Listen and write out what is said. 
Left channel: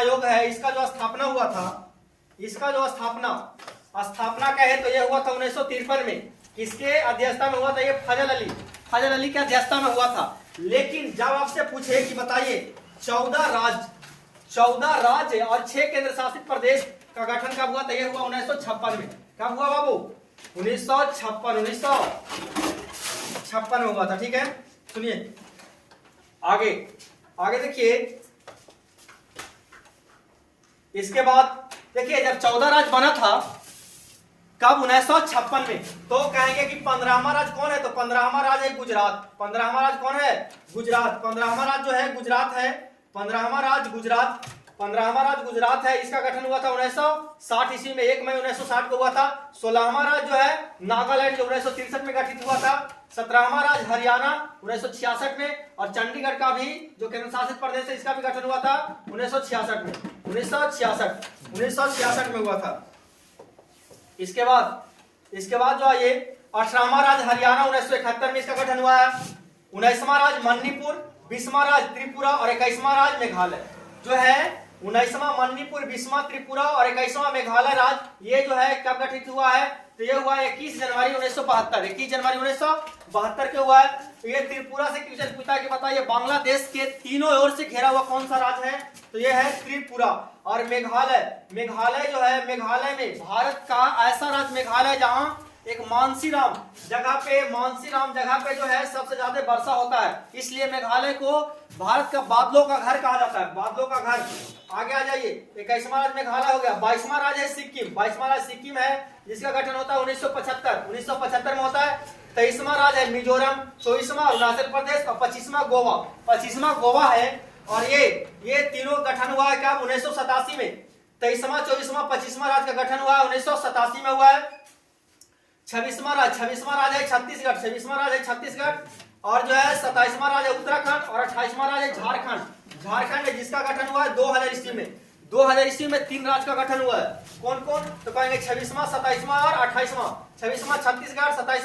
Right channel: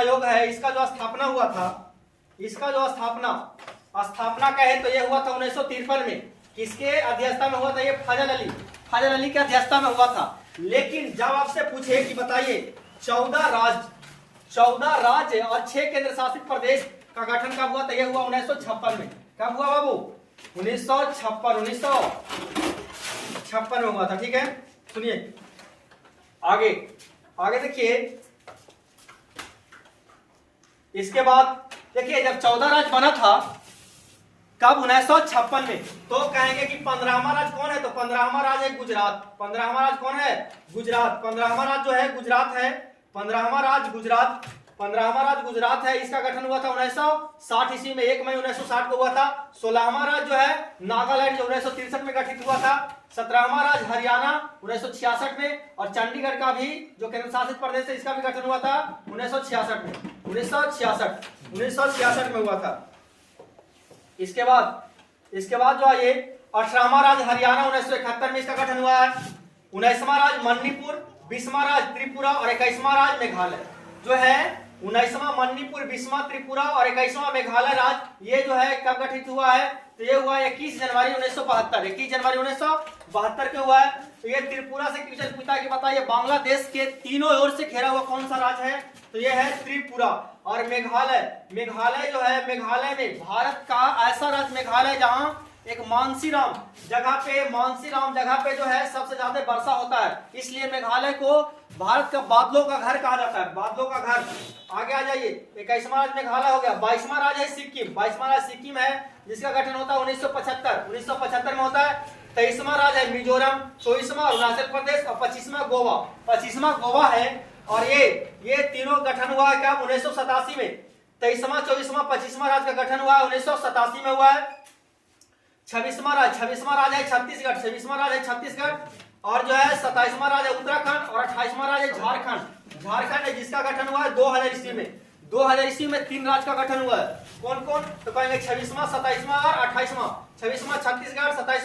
आयोग है, इसका जो स्थापना हुआ था, इसका जो स्थापना कहे तो ये हुआ था 1953 में। किसके अध्यक्षता में हुआ था? ये फजल अली के अध्यक्षता में हुआ था। लेकिन जब आपसे पूछे कि बताइए 14 राज्य और 6 केंद्र शासित प्रदेश का गठन कब हुआ? तो यह हुआ 1956 में। कब हुआ बाबू? 1956 में हुआ था। ठीक है, सुनिए आगे देखिए। इसके बाद देखिए जब 14 राज्य बना था कब? 1956 में। तो कहेंगे कि 15वां राज्य कौन है? तो 15वां राज्य है गुजरात। 15वां राज्य कौन है? गुजरात। 15वां राज्य जो है गुजरात है। 15वां राज्य गुजरात है। इसका गठन हुआ था 1960 ईस्वी में, 1 मई 1960 को हुआ था। 16वां राज्य जो है नागालैंड, जो 1963 में गठित हुआ था। 17वां राज्य हरियाणा 1966 में, और चंडीगढ़ का भी जो केंद्र शासित प्रदेश है इसका भी गठन हुआ था 1966 में। 1966 में हुआ था। इसके बाद जो है ये 18वां राज्य हरियाणा 1971 में इसका गठन हुआ है। 19वां राज्य मणिपुर, 20वां राज्य त्रिपुरा और 21वां राज्य मेघालय जो है। 19वां मणिपुर, 20वां त्रिपुरा और 21वां मेघालय राज्य ये जो है कब गठित हुआ है? तो ये हुआ 21 जनवरी 1972। 21 जनवरी 1972 को हुआ है। तो ये त्रिपुरा से क्वेश्चन पूछा कि बताइए बांग्लादेश के तीनों ओर से घेरा हुआ कौन सा राज्य है? तो ये है त्रिपुरा। और मेघालय जो है, मेघालय में भारत का ऐसा राज्य मेघालय जहां एक मानसीराम जगह पे जो है सबसे ज्यादा वर्षा होता है, इसलिए मेघालय को भारत का बादलों का घर कहा जाता है। बादलों का घर। आगे आ जाइए। 21वां राज्य मेघालय हो गया। 22वां राज्य है सिक्किम। 22वां राज्य सिक्किम है जिसका गठन होता है 1975 में होता है। 23वां राज्य है मिजोरम। 24वां अरुणाचल प्रदेश और 25वां गोवा है। और ये तीनों गठन हुआ है क्या? 1987 में। 23वां 24वां 25वां राज्य का गठन हुआ है 1987 में हुआ है। 26वां राज्य है छत्तीसगढ़। और जो है 27वां राज्य उत्तराखंड और 28वां राज्य झारखंड है जिसका गठन हुआ है 2000 ईस्वी में। 2000 ईस्वी में 3 राज्य का गठन हुआ है। कौन? तो कहेंगे 26वां, 27वां और 28वां। 26वां छत्तीसगढ़, 27